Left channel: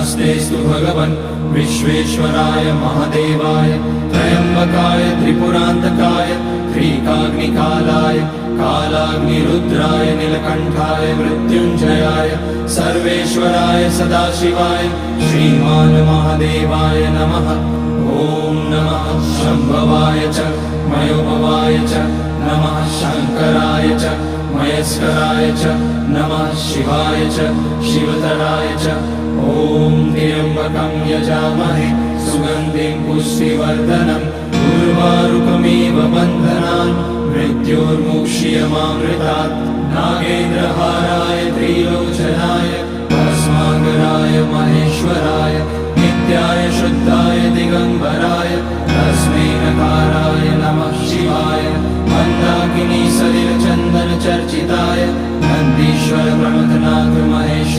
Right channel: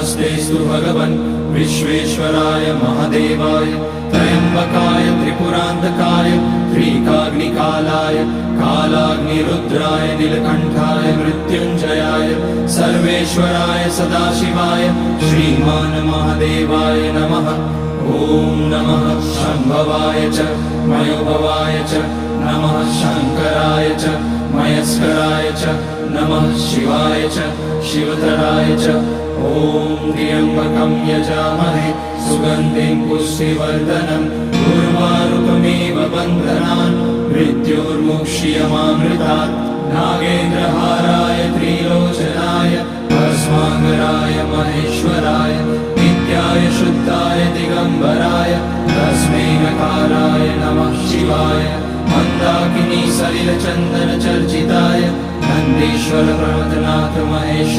नमस्तेस्तु भगवन् विश्वेश्वराय महादेवाय त्र्यम्बकाय त्रिपुरान्तकाय त्रिकाग्निकालाय कालाग्निरुद्राय नीलकण्ठाय मृत्युञ्जयाय सर्वेश्वराय सदाशिवाय श्रीमान् महादेवाय नमः। ॐ नमः शम्भवाय च मयोभवाय च नमः शङ्कराय च मयस्कराय च नमः शिवाय च शिवतराय च। ॐ त्र्यम्बकं यजामहे सुगन्धिं पुष्टिवर्धनम् उर्वारुकमिव बन्धनान् मृत्योर्मुक्ष्यमामृतात्। नागेन्द्रहाराय त्रिलोचनाय भस्माकराय महेश्वराय नित्याय शुद्धाय दिगम्बराय तस्मै नकाराय नमः शिवाय। मन्दाकिनी सलिलचन्दन चर्चिताय नन्दीश्वर प्रमथनाथ महेश